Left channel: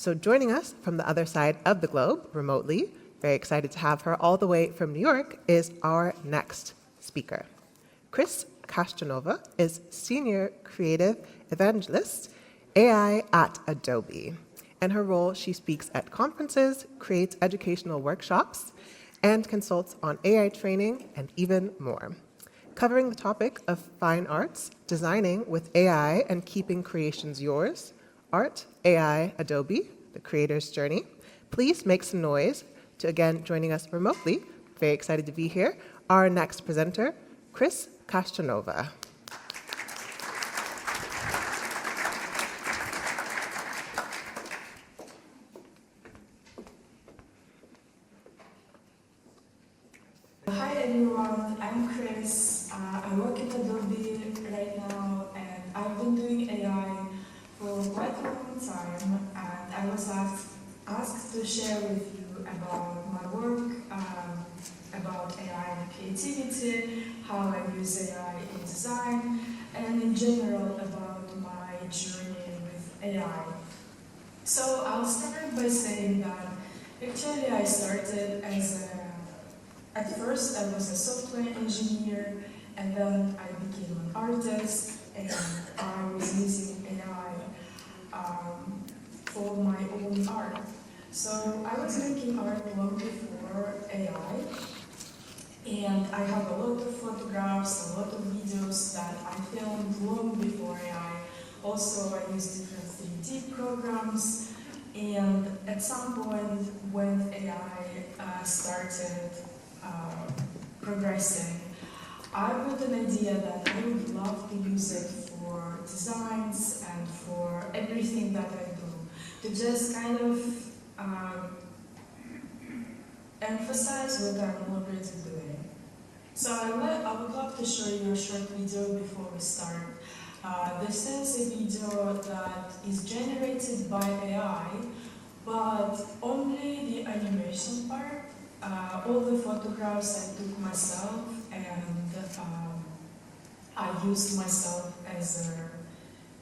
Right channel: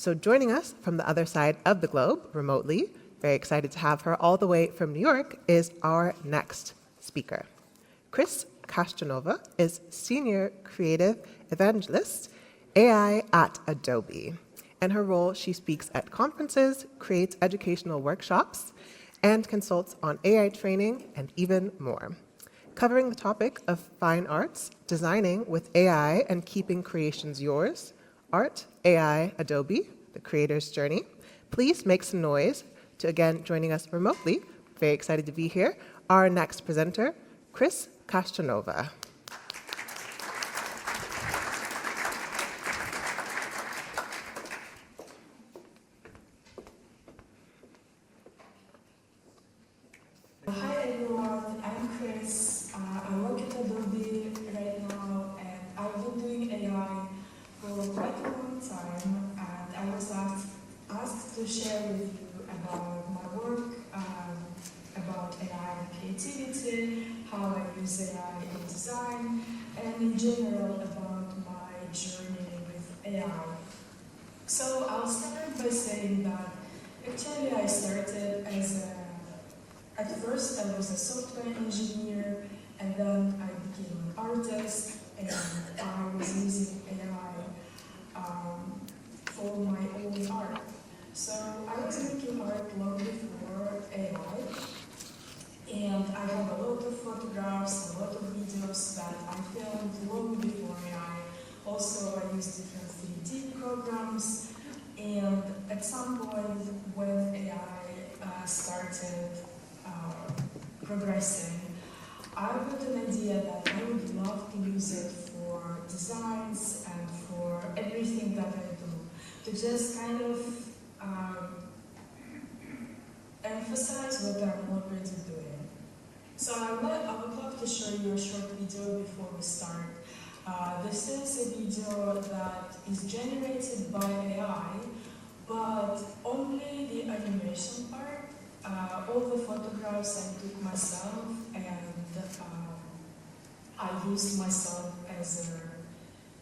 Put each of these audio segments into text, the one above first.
So joining us from the other side of the globe, remotely, very excited to have her all the way from New York, is our next speaker. Kris Kashtanova is Senior Creative Evangelist, AI at Adobe. In her role, she speaks at conferences, creates educational workshops, and consults on AI training and even more. Covering the topic of fine arts, designing with AI and keeping creations yours, art, AI, Adobe, the creator's journey. Please make some noise to, again, joining us remotely, very excited to be here, our next presenter, Kris Kashtanova. Hi everyone, I'm Kris. I work at Adobe right now and I've been doing AI for quite a long time, and I was asked to share with you about my work, about AI and creativity, how I use AI in design, and in general about my journey with AI. So I'll start by saying that actually I started at first I was a software engineer, and then I became an artist, and I was using AI for my own art. So I was making art long before AI, and I have a lot of photographs, a lot of videos that I filmed long before AI. Also, I used different 3D programs, and at some point when AI started progressing, I got an idea that I would love to use it for designs and for everything that I do, to just kind of emphasize what I'm already doing. So I would love to show you a short video before we start. This is a video that is generated by AI, but only the animation part. All the photographs I took myself, and I used myself as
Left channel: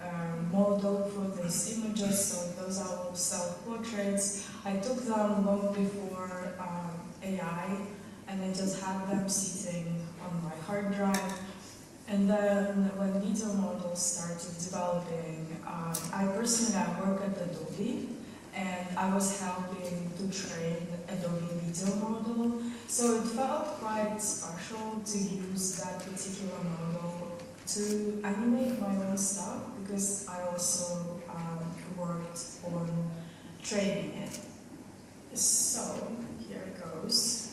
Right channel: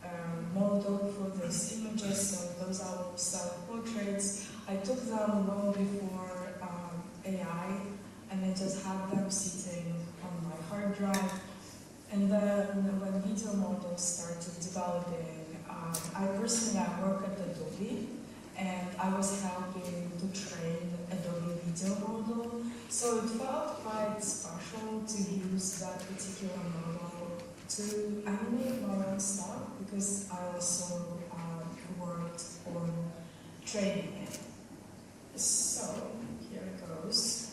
a model for these images, so those are all self-portraits. I took them long before AI, and I just had them sitting on my hard drive. And then when video models started developing, I personally work at Adobe, and I was helping to train Adobe video model. So it felt quite special to use that particular model to animate my own stuff, because I also worked on training it. So here it goes.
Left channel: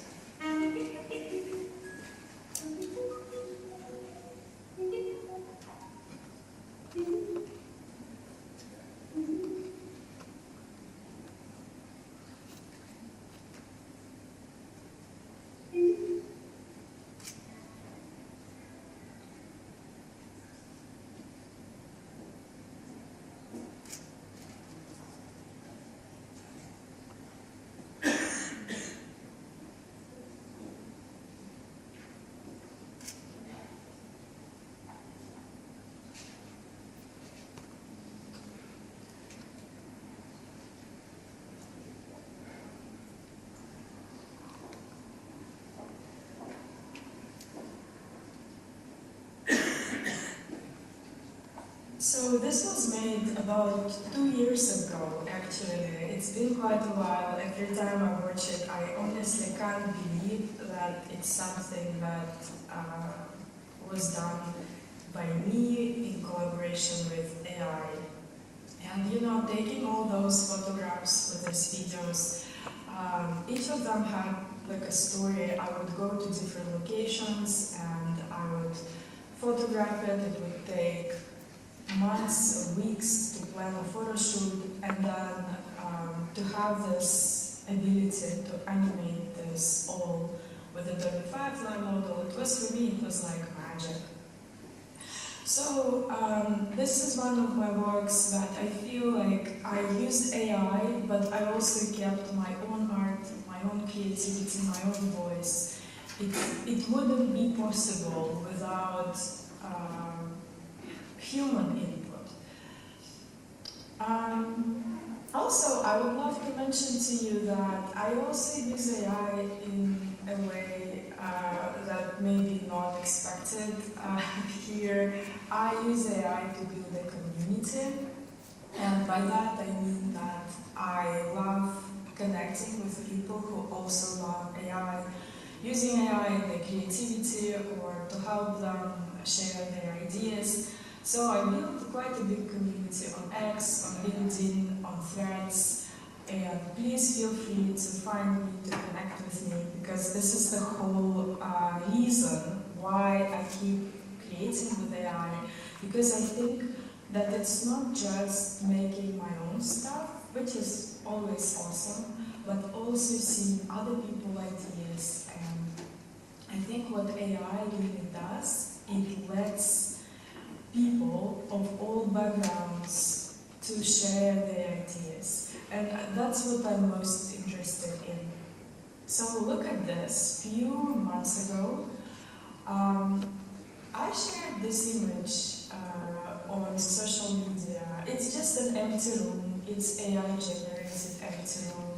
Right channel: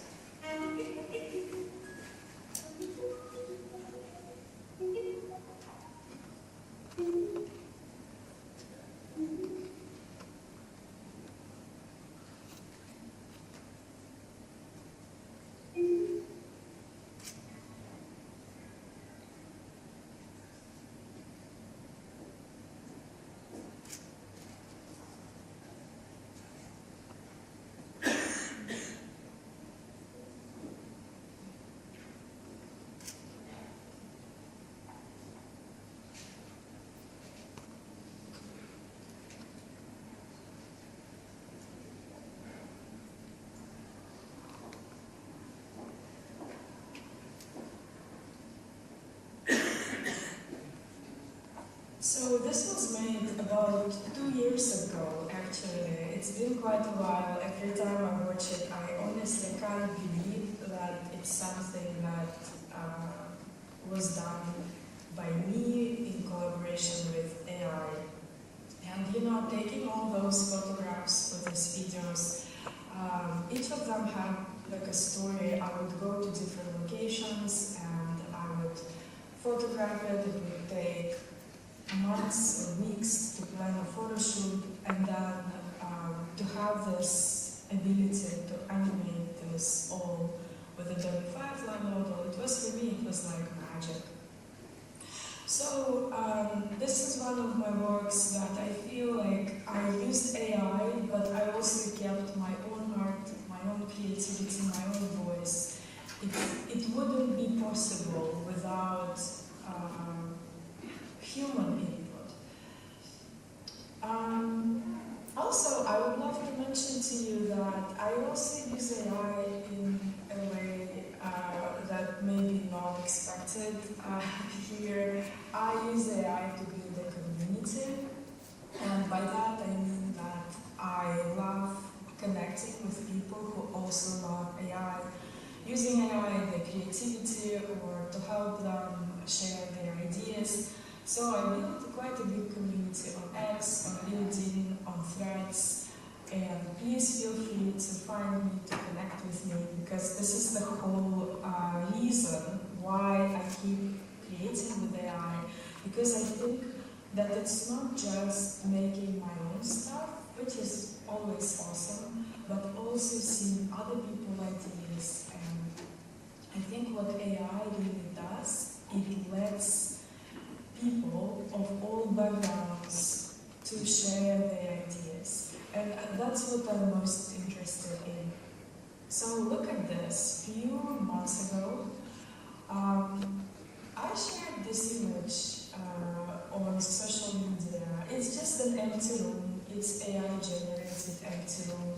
So this was made about 2 years ago, actually. It's been quite a while. Every time I watch it, I honestly can't believe that it's something that was done by me in collaboration with AI. And you know, taking all those photographs with these videos, each of them had like a story. I would go to different locations and I would photograph it. It would take months or weeks to plan a photo shoot, and then to have this ability to animate this all with Adobe Firefly model, it was, for me, it was like magic. So this is one of my works that I feel like I used AI, but I also kept my own art, my own creativity, my own voice. It wouldn't be possible without human input. Also, I mention to you that I also use AI in a way that may be not expected here. I use AI to build a community, and by that I mean that I love connecting with people who also love AI, using AI in their creativity or to help them share their ideas. So I built quite a big community on X, on LinkedIn, on Threads, and please feel free to find me, to connect with me, because this is the whole reason why I keep creating with AI, because I think that it's not just making my own stuff, which is always awesome, but also seeing other people's ideas. And I think what AI really does, it lets people of all backgrounds to share their ideas. And that's what I'm most interested in. So look at this. Few months ago, I shared this image on social media. It's just an empty room. It's AI-generated empty room.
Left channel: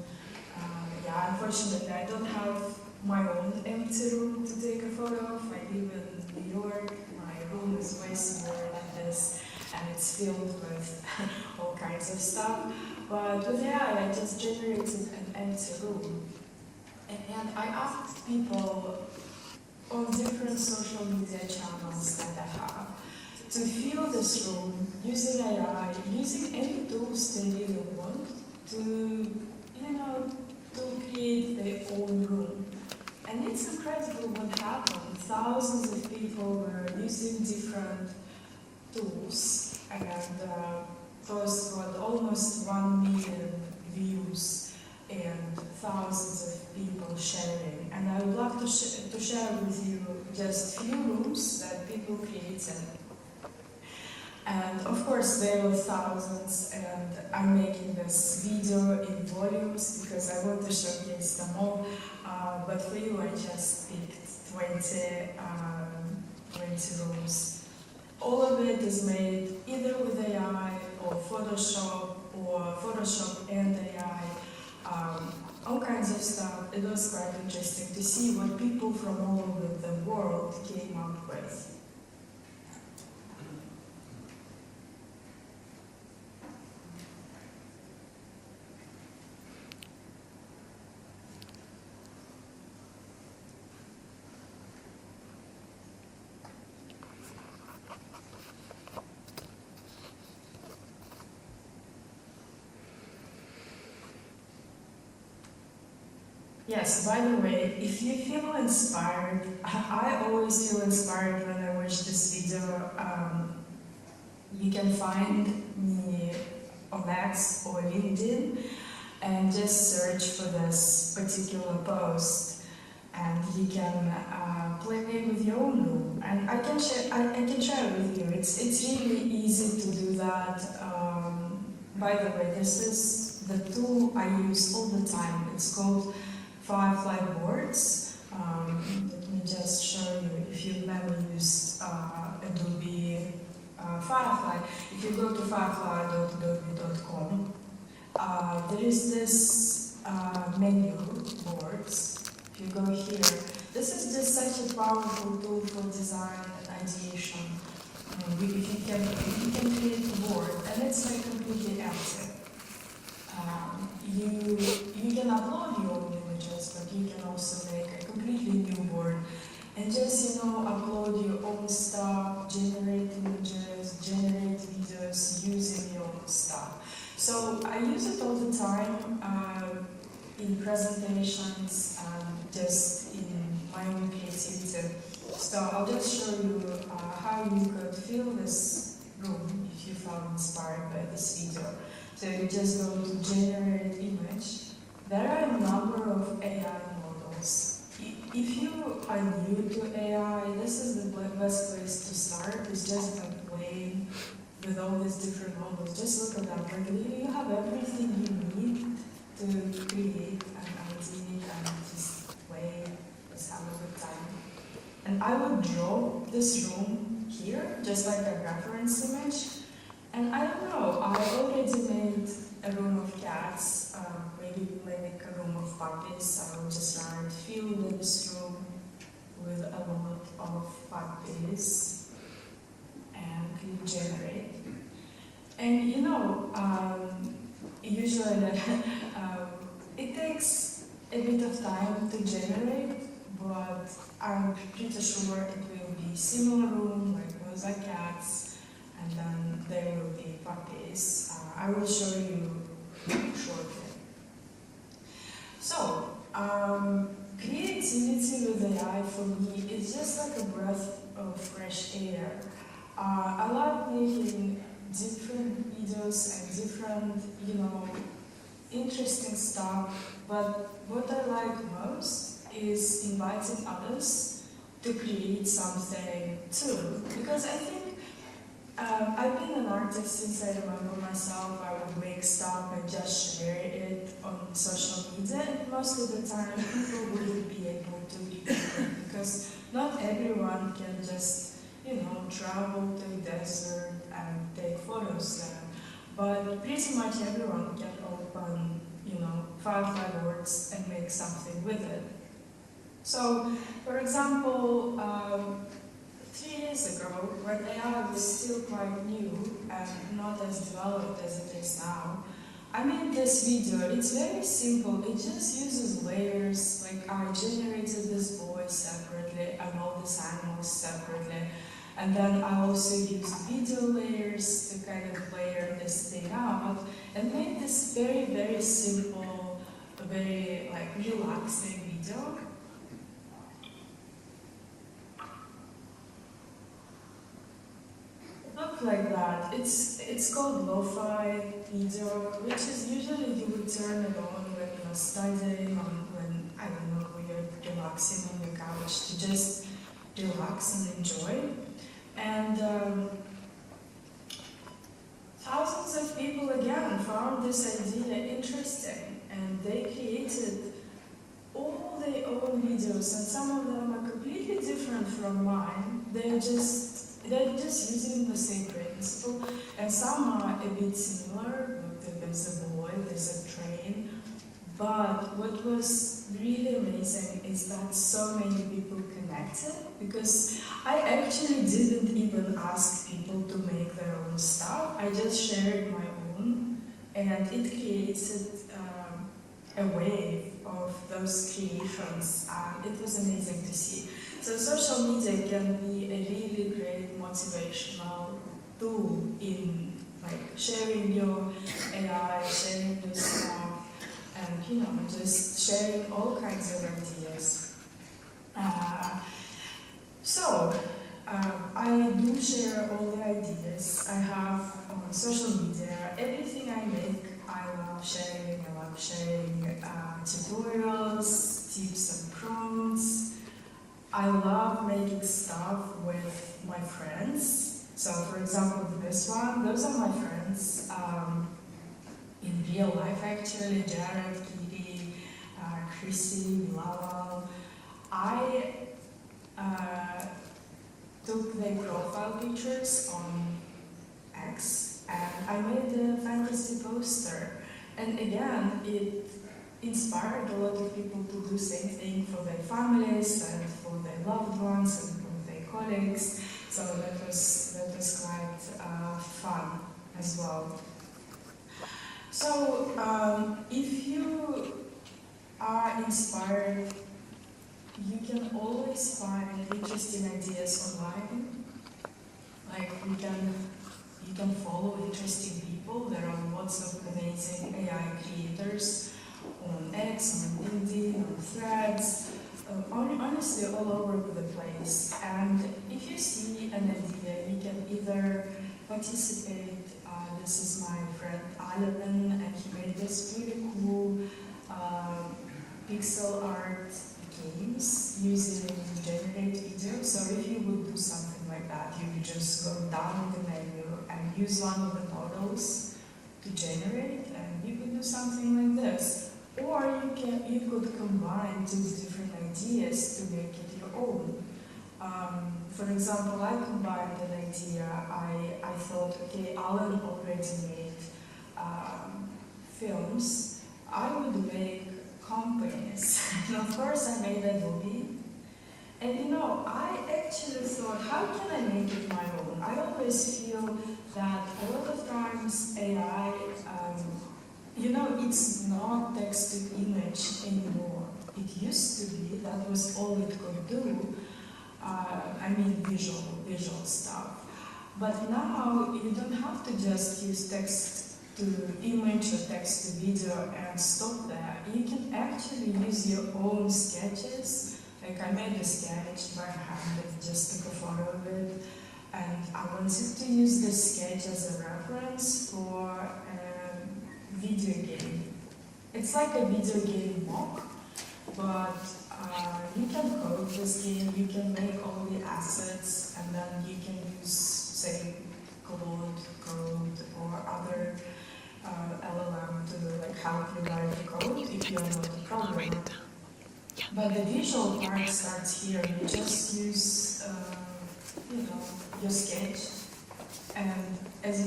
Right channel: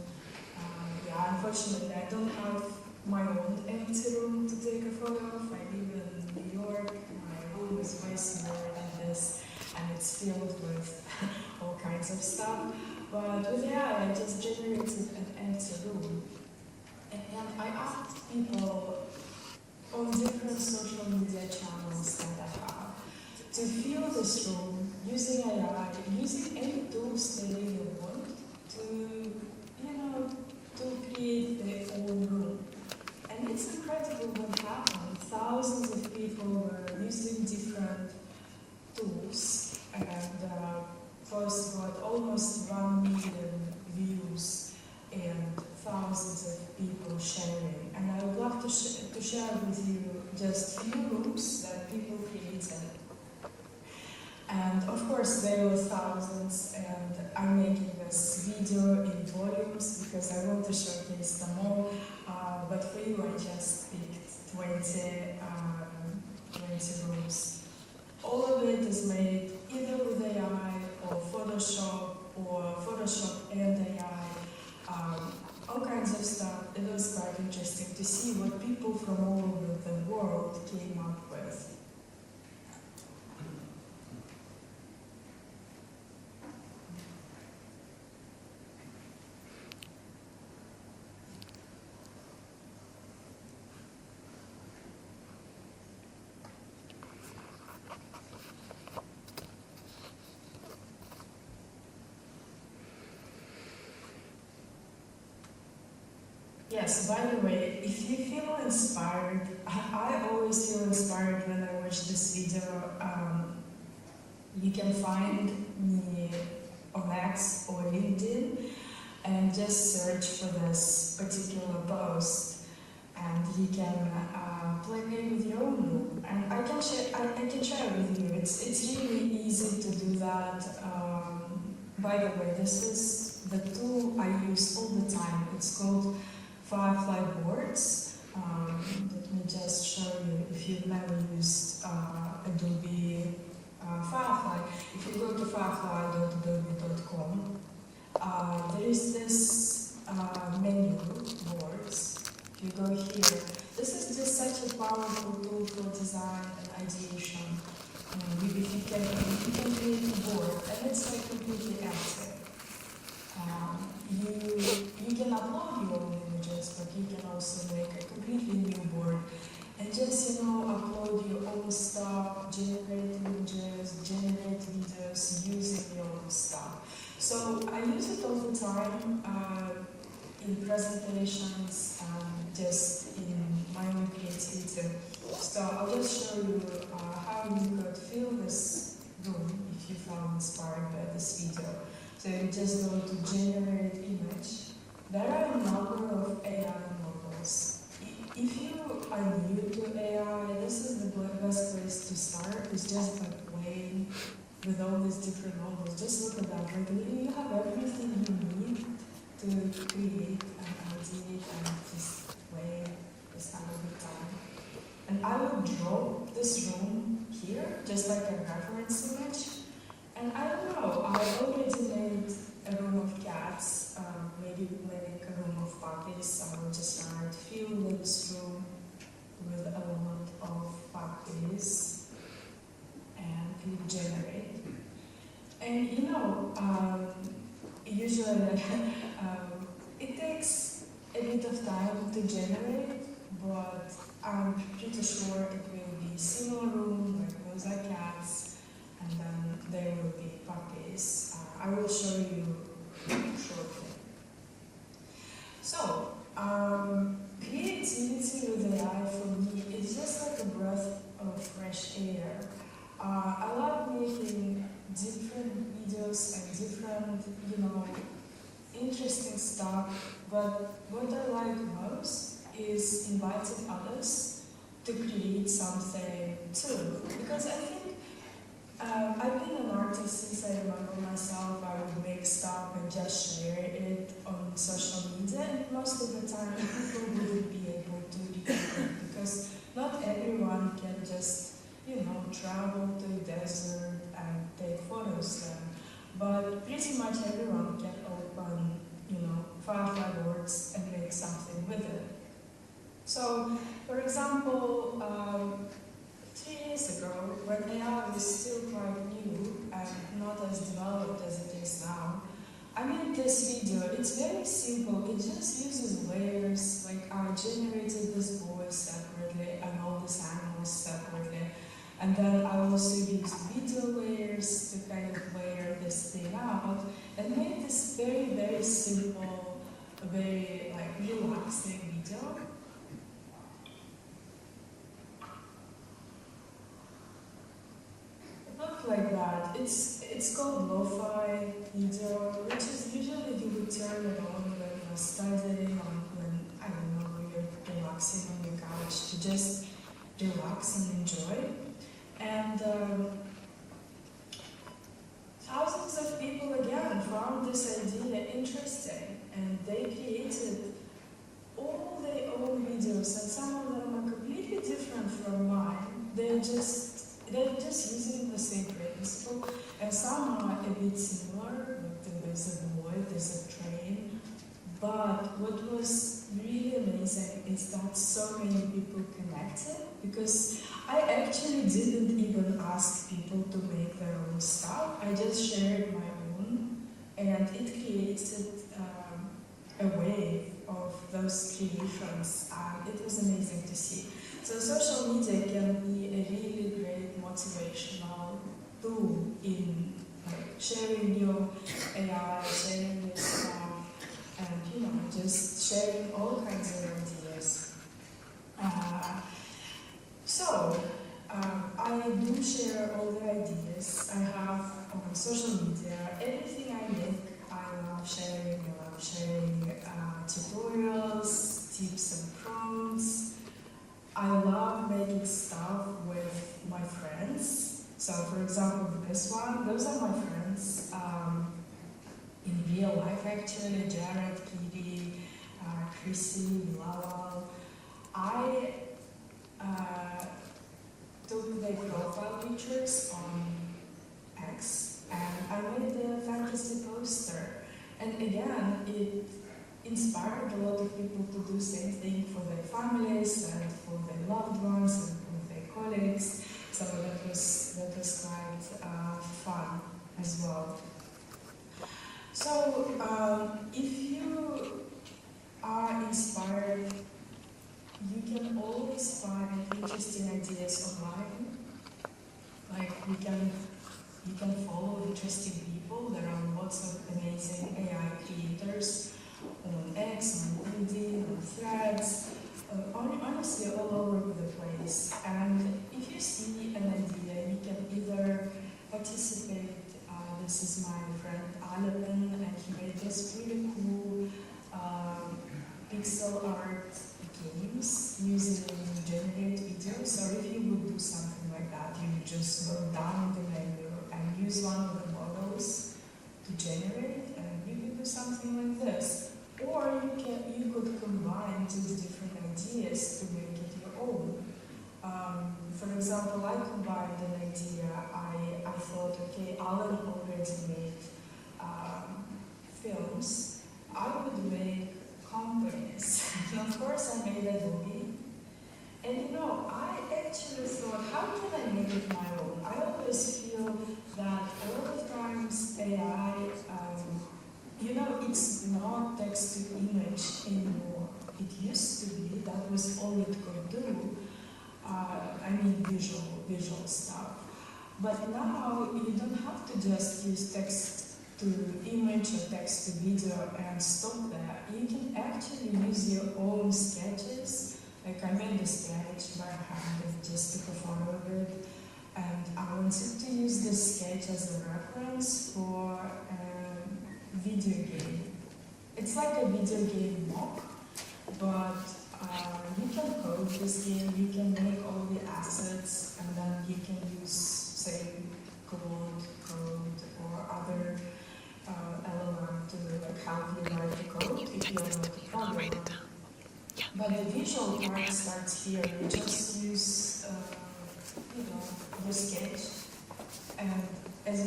Yeah, unfortunately, I don't have my own empty room to take a photo of. I live in New York. My room is way smaller than this, and it's filled with all kinds of stuff. But with AI, I just generated an empty room. And I asked people on different social media channels that I have to fill this room using AI, using any tools they really want to, to create their own room. And it's incredible what happened. Thousands of people were using different tools, and those got almost 1 million views and thousands of people sharing. And I would love to share with you just few rooms that people created. And of course there were thousands, and I'm making this video in volumes because I want to showcase them all. But for you, I just picked 20 rooms. All of it is made either with AI or Photoshop and AI. All kinds of stuff. It was quite interesting to see what people from all over the world came up with. Yes, by the way, if you feel inspired, I always feel inspired when I watch this video. You can find me on X or LinkedIn and just search for this particular post, and you can play with your own room. And I can share it with you. It's really easy to do that. By the way, this is the tool I use all the time. It's called Firefly boards. Let me just show you if you've never used Adobe Firefly. If you go to firefly.adobe.com, there is this menu boards. If you go here, this is just such a powerful tool for design and ideation. If you can create a board, and it's like completely empty. You can upload your own images, but you can also make a completely new board and just, upload your own stuff, generate images, generate videos using your own stuff. So I use it all the time in presentations and just in my own creativity. So I'll just show you how you could fill this room if you felt inspired by this video. So you just go to generate image. There are a number of AI models. If you are new to AI, this is the best place to start. It's just by playing with all these different models. Just look at them. And you have everything you need to create an idea and just play, just have a good time. And I would draw this room here, just like a reference image. And I don't know, I already made a room of cats, maybe puppies, I would just fill this room with a lot of puppies and click generate. And usually it takes a bit of time to generate, but I'm pretty sure it will be similar room, like those are cats, and then there will be puppies. I will show you shortly. So, creativity with AI for me is just like a breath of fresh air. I love making different videos and different, interesting stuff, but what I like most is inviting others to create something too. Because I think I've been an artist since I remember myself. I would make stuff and just share it on social media, and most of the time people wouldn't be able to read it because not everyone can just, travel to the desert and take photos there. But pretty much everyone can open, Firefly Works and make something with it. So, for example, 3 years ago, when AI was still quite new and not as developed as it is now, I made this video. It's very simple. It just uses layers. Like I generated this voice separately and all these animals separately. And then I also used video layers to kind of layer this thing out and made this very, very simple, very relaxing video. Look like that. It's called lo-fi video, which is usually you would turn it on when you're studying or when, I don't know, when you're relaxing on the couch to just relax and enjoy. And thousands of people again found this idea interesting, and they created all their own videos, and some of them are completely different from mine. They're just using the same principle, and some are a bit similar. Look, there's a boy, there's a train. But what was really amazing is that so many people connected, because I actually didn't even ask people to make their own stuff. I just shared my own, and it created a wave of those creations. It was amazing to see. So social media can be a really great motivational tool in sharing your AI, sharing your stuff, and just sharing all kinds of ideas. I do share all the ideas I have on social media. Everything I make, I love sharing. I love sharing tutorials, tips and prompts. I love making stuff with my friends. So, for example, this one, those are my friends in real life actually, Jared, Kiri, Kris, Lava. I took their profile pictures on X and I made a fantasy poster. And again, it inspired a lot of people to do the same thing for their families and for their loved ones and for their colleagues. So that was quite fun as well. So if you are inspired, you can always find interesting ideas online. Like you can follow interesting people. There are lots of amazing AI creators on X, on LinkedIn, on Threads, honestly all over the place. And if you see an idea, you can either participate. This is my friend Ivan, and he made this really cool pixel art games using generate video. So if you would do something like that, you would just go down the menu and use one of the models to generate, and you could do something like this. Or you could combine two different ideas to make it your own. For example, I combined an idea. I thought, okay, Alan already made films. I would make company And you know, I actually thought, how can I make it my own? I always feel that a lot of times AI, you know, it's not text to image anymore. It used to be, that was all it could do. I mean, visual stuff. But now you don't have to just use text to image or text to video and stop there. You can actually use your own sketches. Like I made a sketch by hand and just took a photo of it. And I wanted to use this sketch as a reference for a video game. It's like a video game mock, but you can code this game, you can make all the assets, and then you can use, say, code or other LLM to like help you write the code if you're not a programmer. But the visual part starts here. You just use, you know, your sketch, and as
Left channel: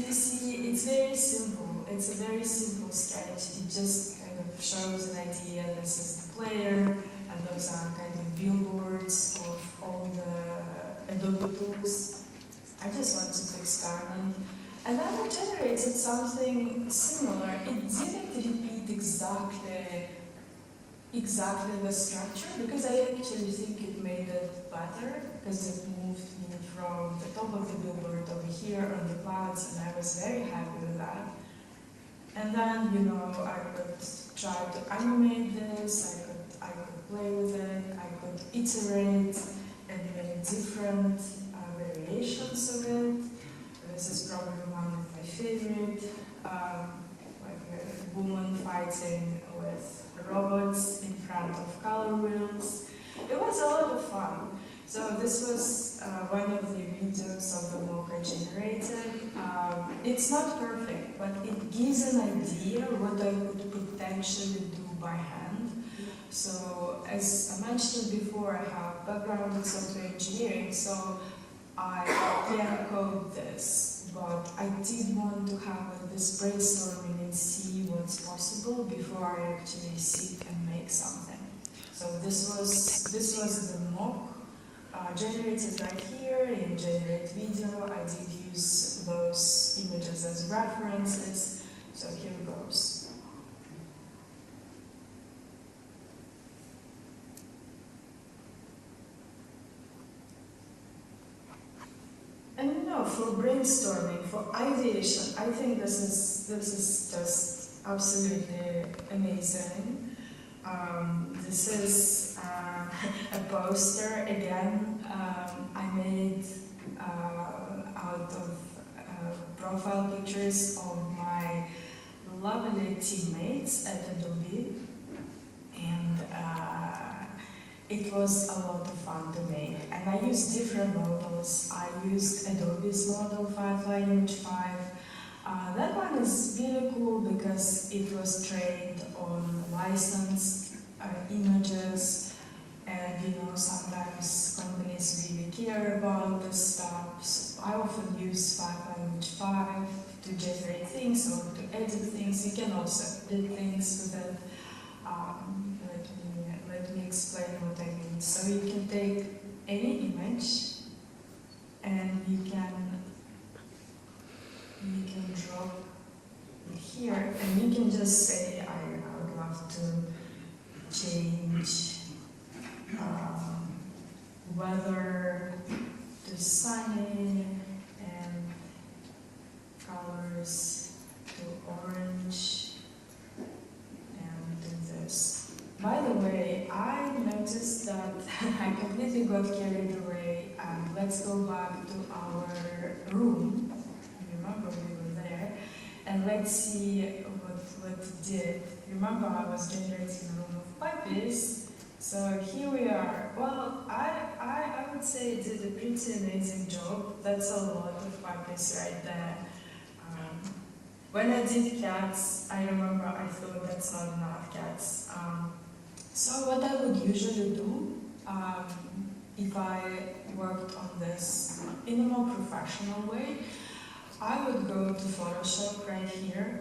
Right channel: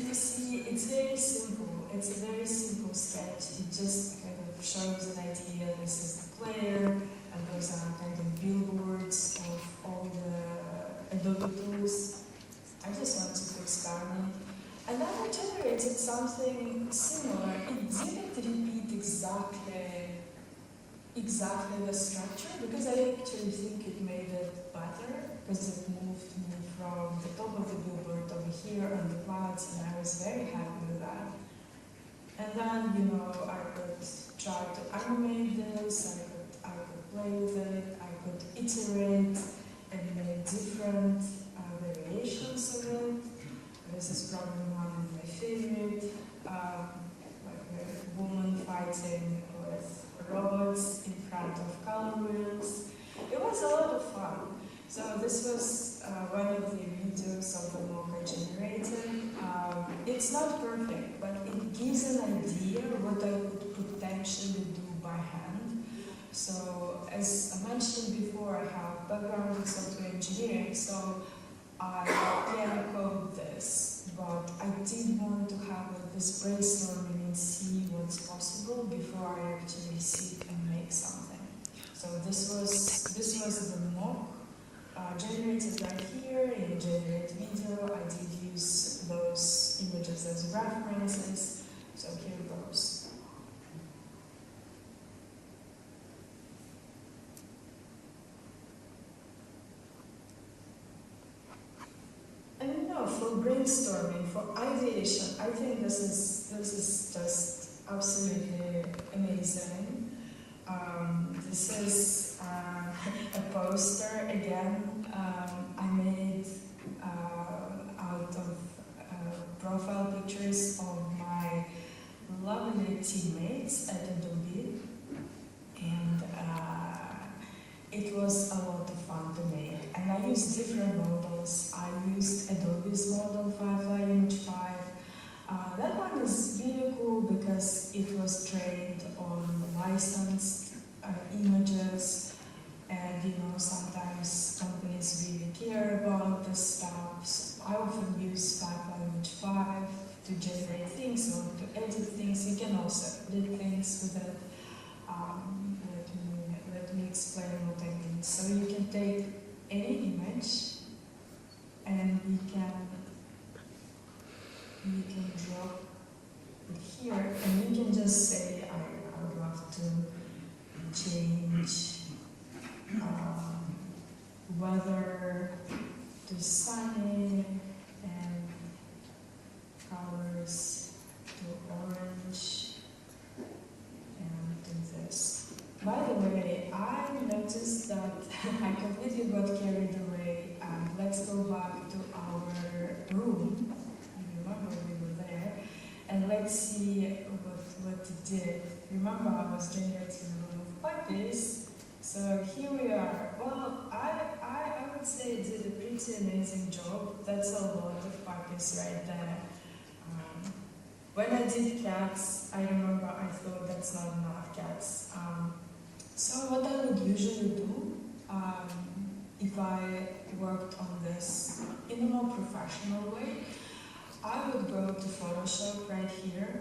you see, it's very simple. It's a very simple sketch. It just kind of shows an idea. This is the player, and those are kind of billboards of all the Adobe tools. I just want to click start on. And then I generated something similar. It didn't repeat exactly the structure, because I actually think it made it better, because it moved me from the top of the billboard over here on the clouds, and I was very happy with that. And then, you know, I could try to animate this, I could play with it, I could iterate and make different variations of it. This is probably one of my favorite, like a woman fighting with robots in front of color wheels. It was a lot of fun. So this was one of the videos of the mock I generated. It's not perfect, but it gives an idea what I could potentially do by hand. So as I mentioned before, I have background in software engineering, so I can code this, but I did want to have this brainstorming and see what's possible before I actually sit and make something. So this was the mock generated right here in Generate Video. I did use those images as references. So here goes. And you know, for brainstorming, for ideation, I think this is just absolutely amazing. This is a poster again. I made out of profile pictures of my lovely teammates at Adobe, and it was a lot of fun to make. And I used different models. I used Adobe's model 5 Image 5. That one is really cool because it was trained on licensed images, and you know, sometimes companies really care about this stuff. So I often use 5 Image 5 to generate things or to edit things. You can also edit things with it. Let me explain what I mean. So you can take any image and you can drop it here, and you can just say, I would love to change weather to sunny and colors to orange and do this. By the way, I noticed that I completely got carried away. Let's go back to our room. Remember we were there, and let's see what it did. Remember I was generating a room of puppies. So here we are. Well, I would say it did a pretty amazing job. That's a lot of puppies right there. When I did cats, I remember I thought that's not enough cats. So what I would usually do, if I worked on this in a more professional way, I would go to Photoshop right here.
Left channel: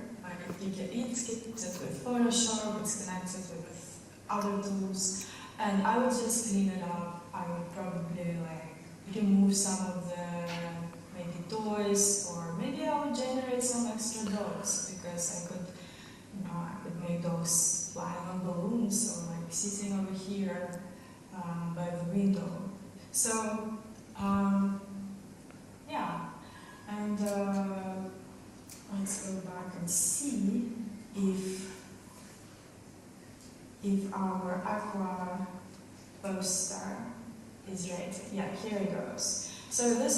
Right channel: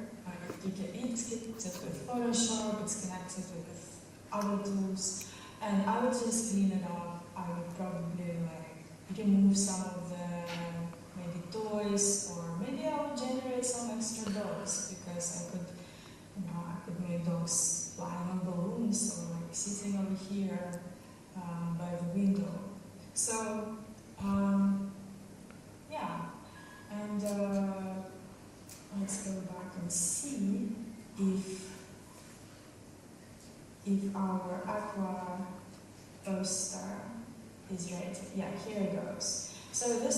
It's with Photoshop, it's connected with other tools. And I would just clean it up. I would probably like remove some of the maybe toys, or maybe I would generate some extra dogs because I could make dogs flying on balloons or like sitting over here by the window. So yeah, and let's go back and see if our aqua poster is ready. Yeah, here it goes. So this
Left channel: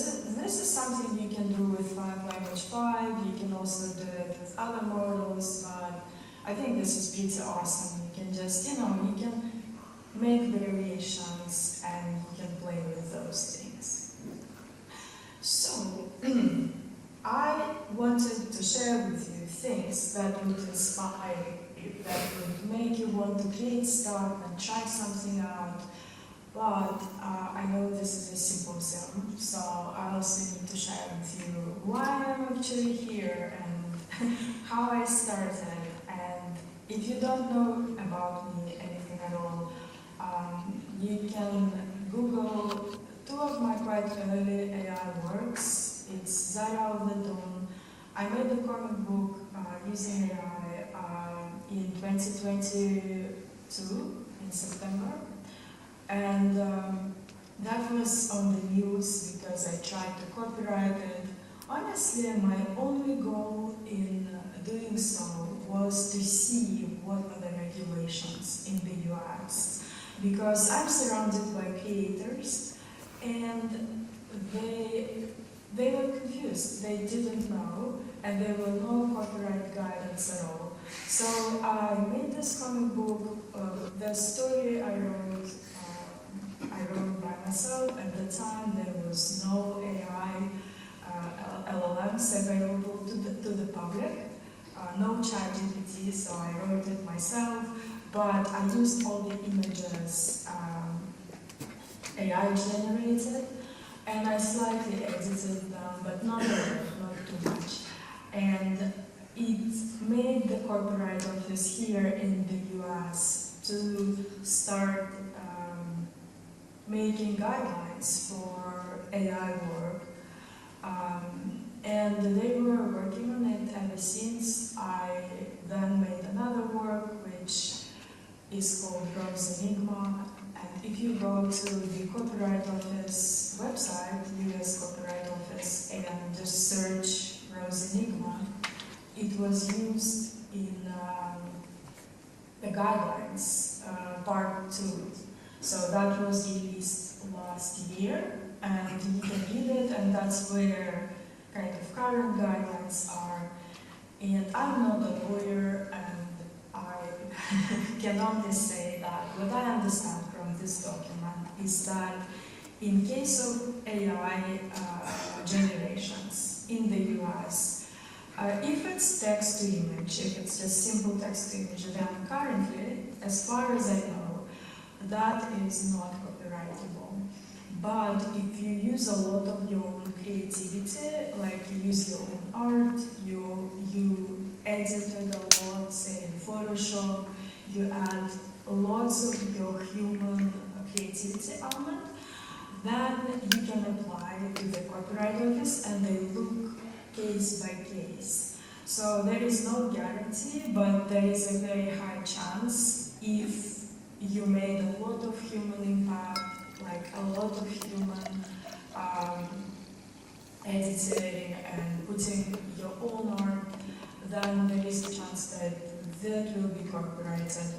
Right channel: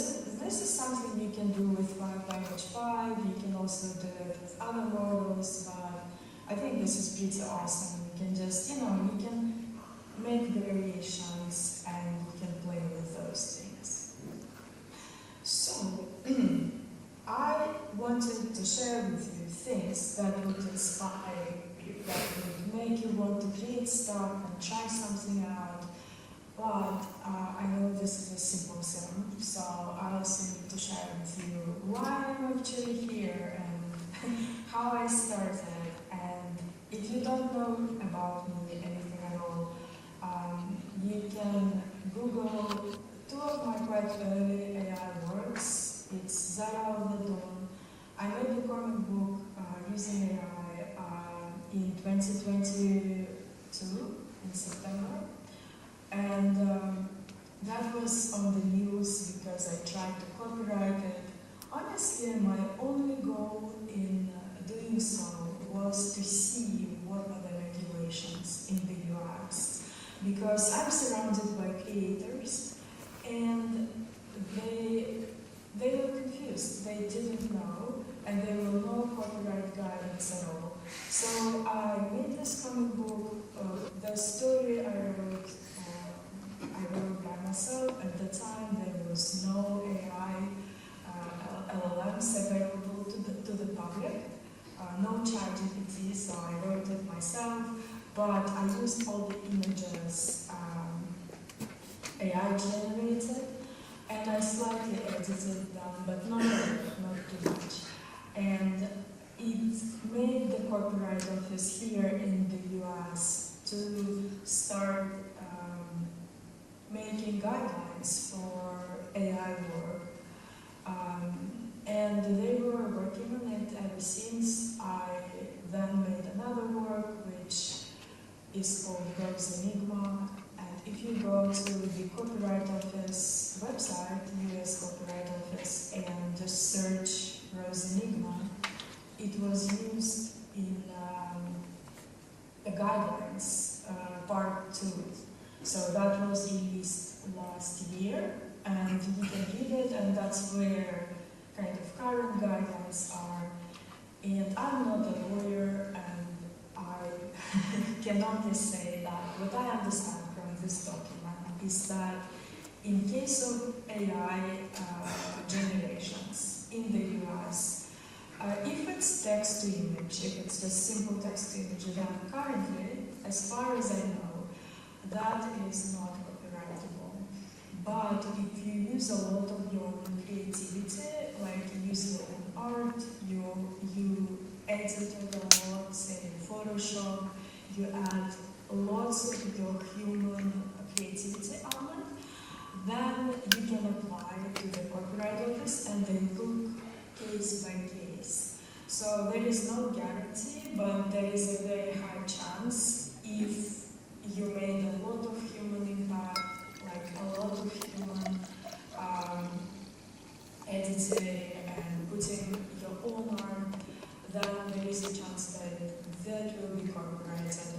is something you can do with language 5. You can also do it with other models, but I think this is pretty awesome. You can just, you can make variations and you can play with those things. So I wanted to share with you things that would inspire you, that would make you want to create stuff and try something out. But I know this is a symposium, so I also need to share with you why I'm actually here and how I started. And if you don't know about me, anything at all, you can Google two of my quite early AI works. It's Zara of the Dawn. I made the comic book using AI in 2022 in September. And that was on the news because I tried to copyright it. Honestly, my only goal in doing so was to see what are the regulations in the US. Because I'm surrounded by creators and they were confused. They didn't know, and there were no copyright guidance at all. So I made this comic book. The story I wrote by myself. At the time, there was no AI LLMs available to the public, no ChatGPT, so I wrote it myself. But I used all the images AI generated, and I slightly edited them, but not too much. And it made the copyright office here in the US to start making guidelines for AI work. And they were working on it ever since. I then made another work which is called Rose Enigma. And if you go to the Copyright Office website, US Copyright Office, and just search Rose Enigma, it was used in the guidelines, part 2. So that was released last year, and you can read it, and that's where kind of current guidelines are. And I'm not a lawyer, and I can only say that what I understand from this document is that in case of AI generations in the US, if it's text to image, if it's just simple text to image, then currently, as far as I know, that is not copyrightable. But if you use a lot of your own creativity, like you use your own art, you edit it a lot, say in Photoshop, you add lots of your human creativity on it, then you can apply it to the copyright office and they look case by case. So there is no guarantee, but there is a very high chance if you made a lot of human impact, like a lot of human editing and putting your own art, then there is a chance that will be copyrighted.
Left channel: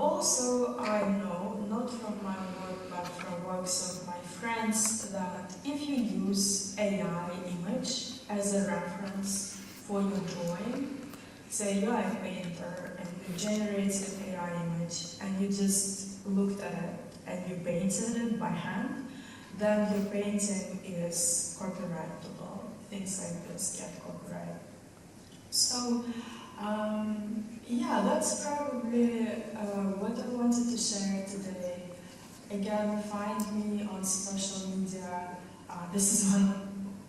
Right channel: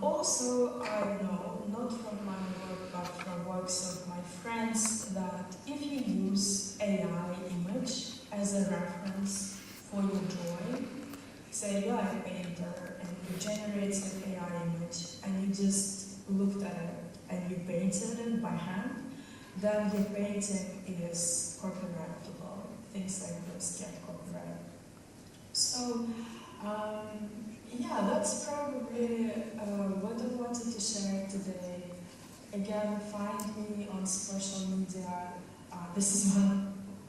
Also, I know, not from my work, but from works of my friends, that if you use AI image as a reference for your drawing, say you are a painter and you generate an AI image and you just looked at it and you painted it by hand, then the painting is copyrightable. Things like this get copyrighted. So, yeah, that's probably what I wanted to share today. Again, find me on social media. This is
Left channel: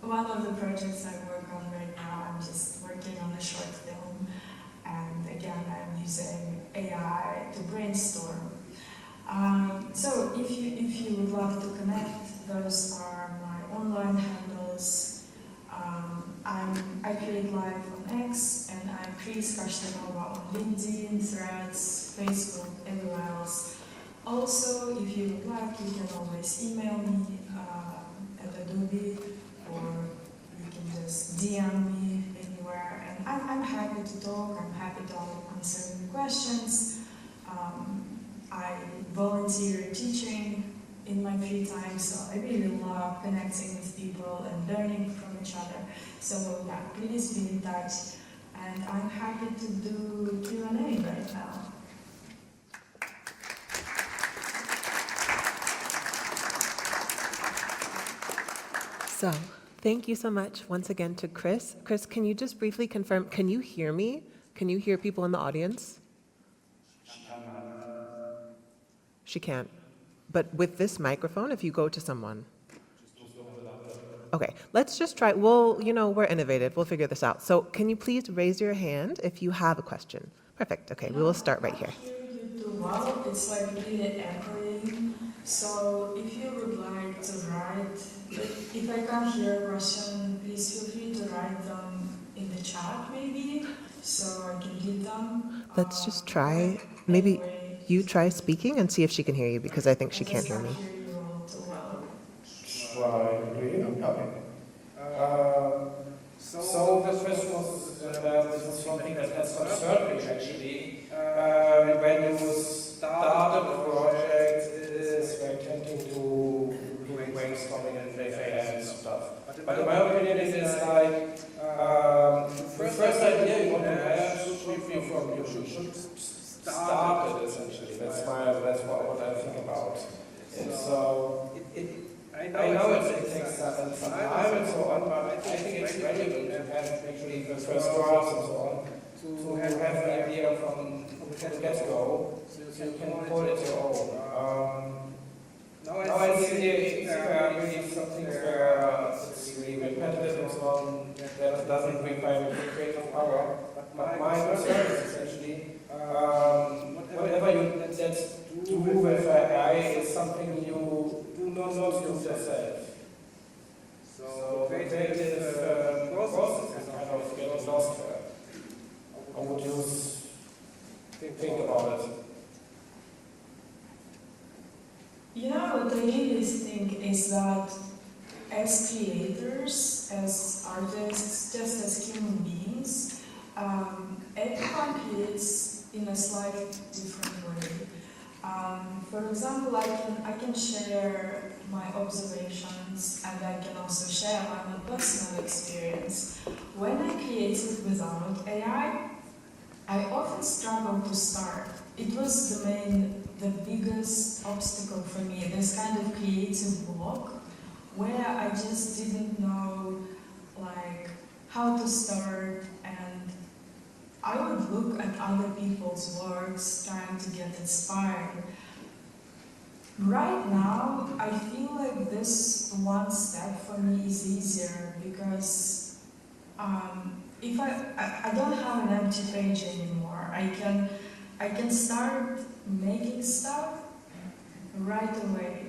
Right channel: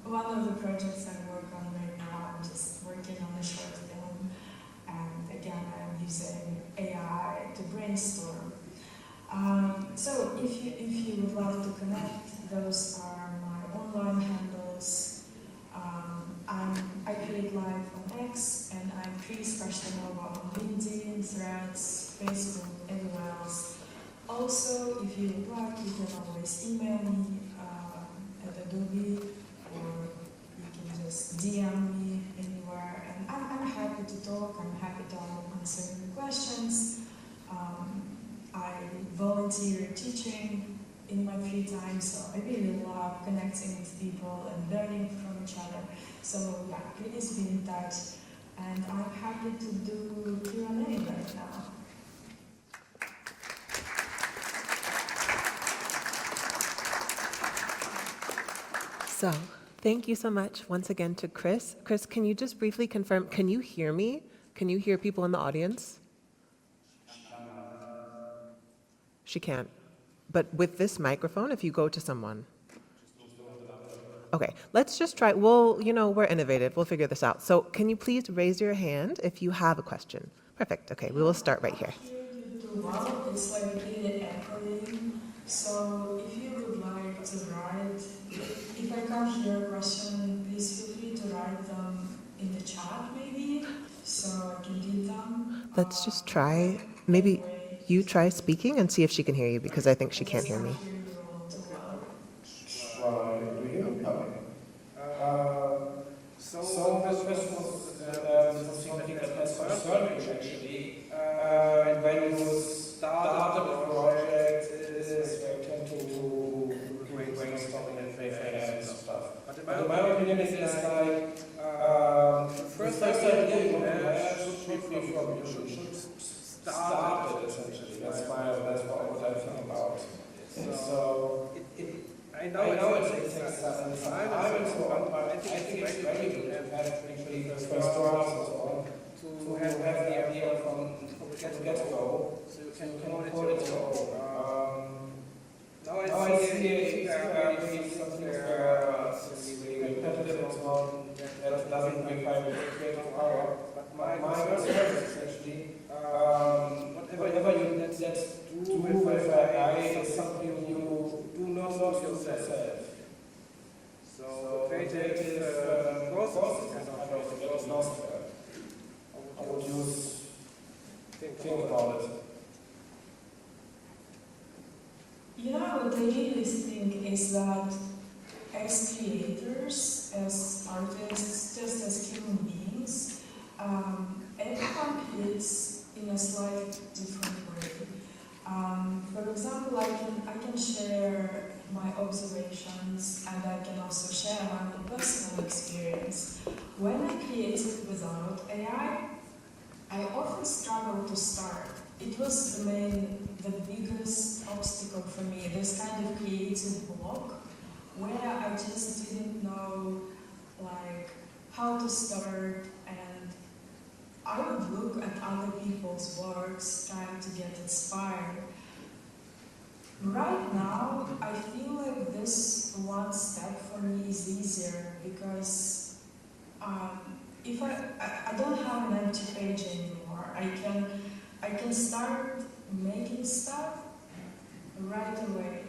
one of the projects I work on right now. I'm just working on a short film. And again, I'm using AI to brainstorm. So if you would like to connect, those are my online handles. I create live on X, and I'm Kris Kashtanova on LinkedIn, Threads, Facebook, everywhere else. Also, if you would like, you can always email me at Adobe, or you can just DM me anywhere. And I'm happy to talk. I'm happy to answer any questions. I volunteer teaching in my free time, so I really love connecting with people and learning from each other. So yeah, please be in touch, and I'm happy to do Q&A right now. So, thank you so much once again to Kris. Kris, can you just briefly confirm, can you hear me? Can you hear people in the audience? She can't. But with this microphone, if you go to someone. Okay, let's just try. We're innovative. We'll figure this out. So can you please raise your hand if you have a question? Perfect. Okay, we will start right here. Well, it's like really echoing. So if you would like to write, if I can't hear a question, please feel free to write them in the chat maybe, so I can read them. Let's just try. Maybe you try speaking and see if she can hear you, because I think she can't hear me. So this question was about something that concerned me actually. When you started the project, is expecting to brainstorming and FAS and stuff. But in my opinion, it's like the first idea you have should be from you should start it essentially. That's what I think about. So I know it takes some time and so on, but I think it's very good to have actually first draws and so on to have the idea from the get-go, so you can monitor it. Now I see maybe something that's really repetitive and so on, that doesn't make my create an hour. But my concern is actually whatever you let do with AI is something you do not do yourself. So creative process is kind of your software. How would you think about it? What I really think is that as creators, as artists, just as human beings, everyone creates in a slightly different way. For example, I can share my observations, and I can also share my personal experience. When I created without AI, I often struggled to start. It was the biggest obstacle for me, this kind of creative block, where I just didn't know how to start, and I would look at other people's works trying to get inspired. Right now, I feel like this one step for me is easier, because if I don't have an empty page anymore. I can start making stuff right away.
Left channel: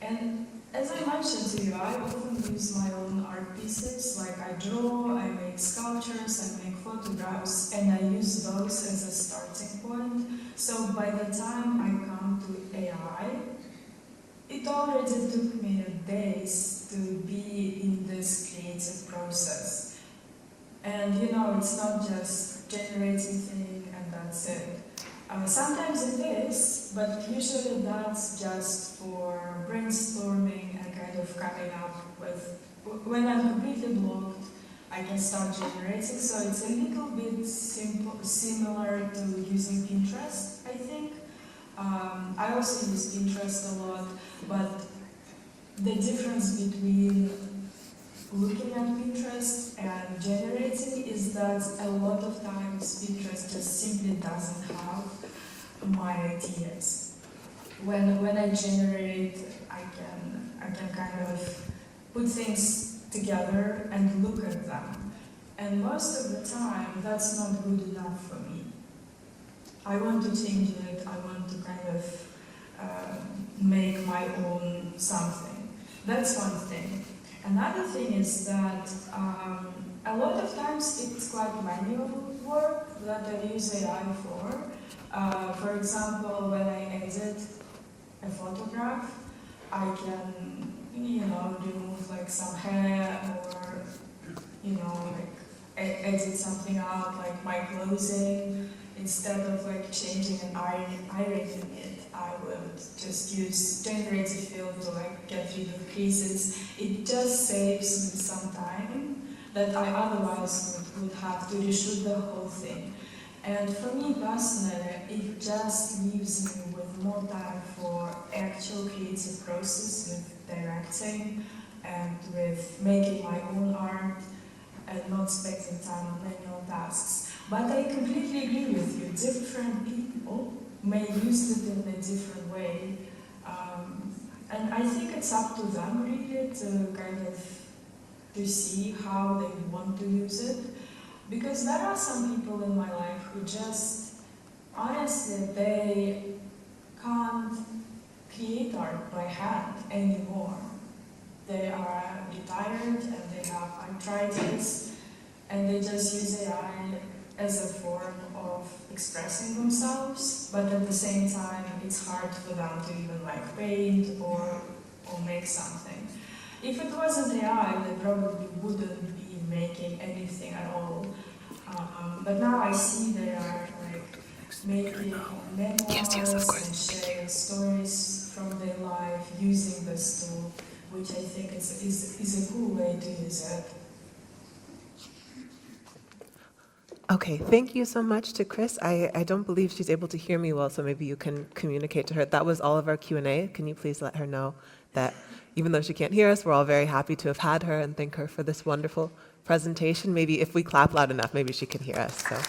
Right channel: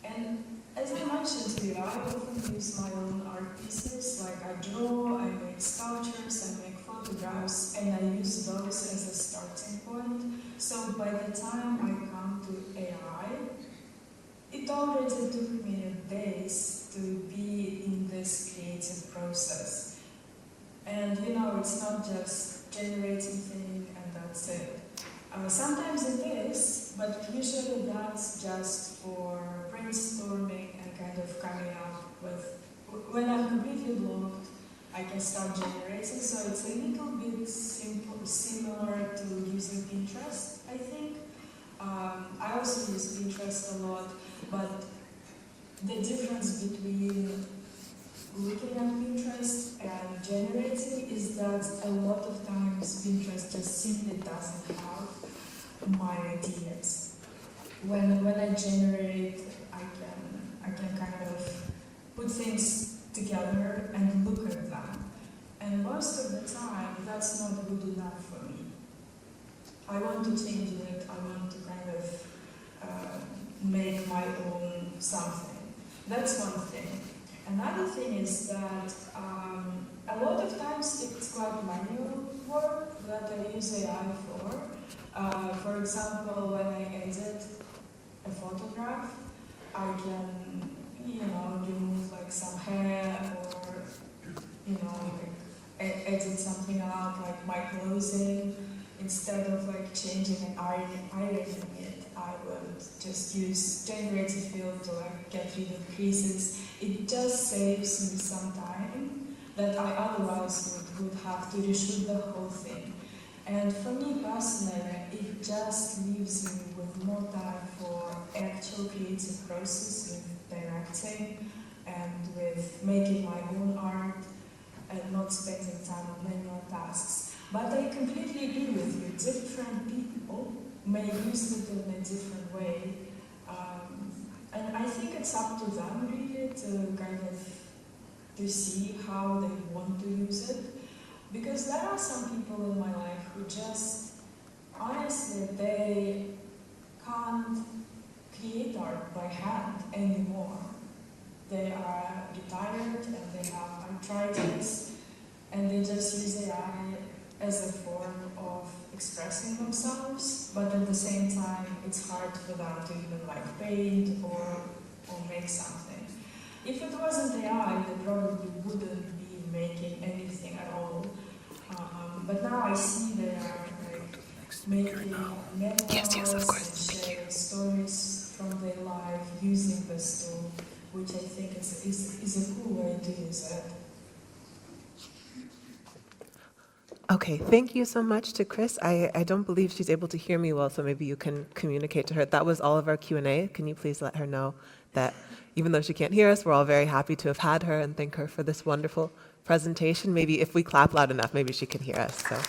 And as I mentioned to you, I often use my own art pieces. Like I draw, I make sculptures, I make photographs, and I use those as a starting point. So by the time I come to AI, it already took me days to be in this creative process. And it's not just generating thing and that's it. Sometimes it is, but usually that's just for brainstorming and kind of coming up with. When I'm completely blocked, I can start generating. So it's a little bit similar to using Pinterest, I think. I also use Pinterest a lot, but the difference between looking at Pinterest and generating is that a lot of times Pinterest just simply doesn't have my ideas. When I generate, I can kind of put things together and look at them. And most of the time, that's not good enough for me. I want to change it. I want to kind of make my own something. That's one thing. Another thing is that a lot of times it's quite manual work that I use AI for. For example, when I edit a photograph, I can, remove like some hair or, like edit something out, like my clothing. Instead of like changing and ironing it, I would just use generative fill to like get rid of creases. It just saves me some time that I otherwise would have to reshoot the whole thing. And for me personally, it just leaves me with more time for actual creative process with directing and with making my own art and not spending time on manual tasks. But I completely agree with you. Different people may use it in a different way. And I think it's up to them really to kind of to see how they want to use it. Because there are some people in my life who just, honestly, they can't create art by hand anymore. They are retired and they have arthritis and they just use AI as a form of expressing themselves, but at the same time it's hard for them to even like paint or make something. If it wasn't AI, they probably wouldn't be making anything at all. But now I see they are like making memoirs of course. and sharing stories from their life using this tool, which I think is a cool way to use it. Okay, thank you so much to Kris. I don't believe she's able to hear me well, so maybe you can communicate to her. That was all of our Q&A. Can you please let her know that even though she can't hear us, we're all very happy to have had her and thank her for this wonderful presentation. Maybe if we clap loud enough, maybe she can hear us. So.